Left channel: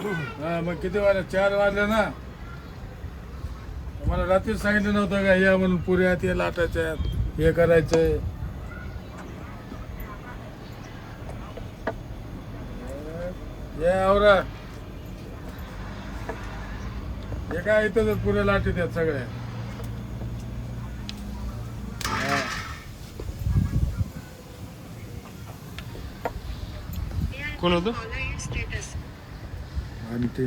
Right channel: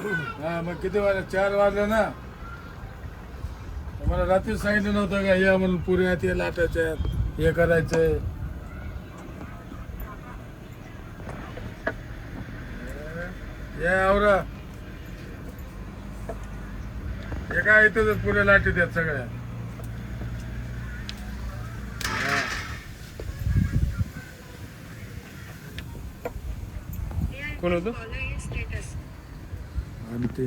हा मग किती वाजले? 4 वाजले ना. मला रात्रीच सांगितलं नव्हतं का या म्हणून पुऱ्या ते लाटायच्या हे करायचंय. या आवरा हे काय इथं पुऱ्या लाटीत आहेत सगळ्या. कोण होतं? आणि ते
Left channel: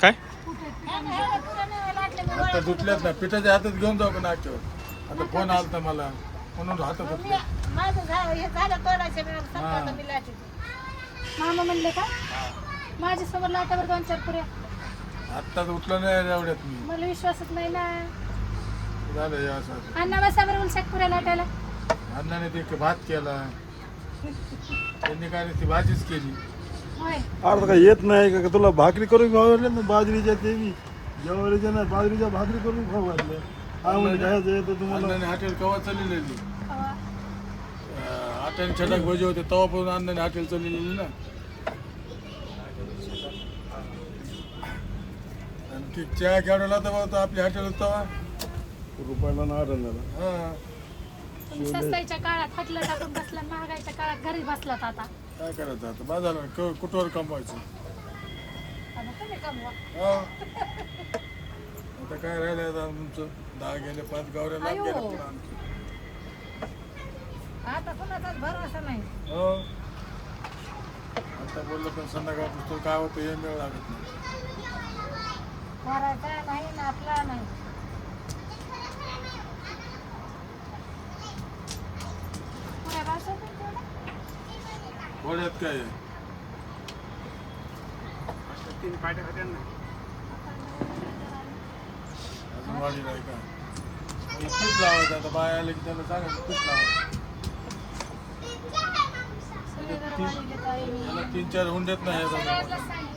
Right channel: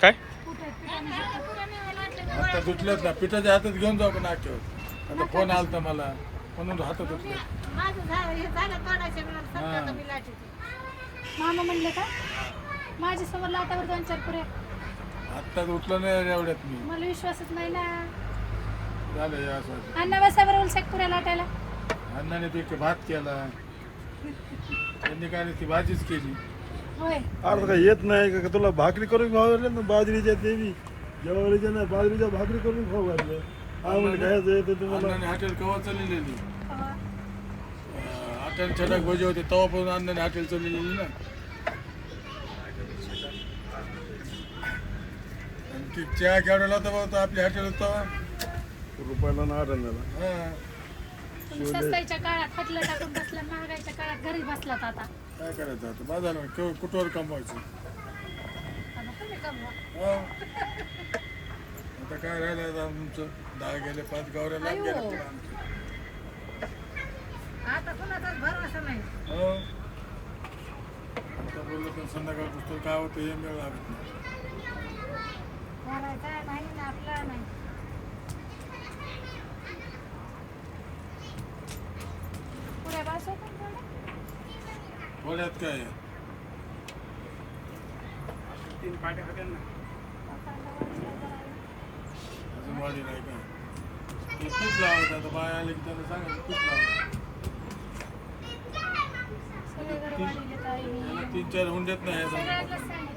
काय आता धुतल्यात ना पिठाच्या हातात घेऊन जाऊ का नाच्यावर. आता फोन आलता मला म्हणून हातात धुतल्या. मामा म्हणले का माझ्या समोर लाटावर 2-4 पुऱ्या. आत्ताच उठलो नाही एवढ्यात मी. मला विश्वासच नाही ना. झालं हे असं. अण्णा बसा बरं उलशाक पुऱ्या लाटायला. अण्णाने ते भात केला, त्यांनी काय ती भाजीच केली. होय अरे काय येत नाही का तुला भाकरी करून खाऊ घातल्या ना बाजरीच्या ते बी ज्वारीच्या ना बाजरीच्या भाकरी करून खाऊ घातलं. हा म्हणजे काय होतं तुम्हाला अण्णाने हॉटेल कवा चाललेली. कवा? 8 छटाक भजी होते तेव्हा पण अण्णाने हॉटेल चाललेली ना. आणि ती चहा केवढ्याला होता आपल्या हॉटेल होता रुपयाला ना आढळला. हा तुम्ही सस्ताईच्या काळात हातलं टाकून बसला, महागाईच्या काळात घरी बसलात आता. काय करायचं आता बाजारला कुठवर कमवायचं. आता तुम्ही कमवा. हा. आता काय राहिलं आता तुमचं 10 गेले 5 गावऱ्या लांब आयो. गेल्या पुढं आमच्या. आता कुणाचाच भरोसा नाही. हो आता बोललो पण संध्याकाळ पुस्तक काय होतं हे मिळ लागत नाही. भरायचा नाही ना आपला नाही. पुऱ्या भाषा पण थोड्या. थोड्यात काय आहे? अजून वाढी नाही का? हे तूप लावायचं आता बाय आले की त्यांना सांगा तूप लावायचं. सगळे घर वाढीले ताई मी. त्याला 3-4 हुंड्यात नाही सगळ्यातलं सांगितलं.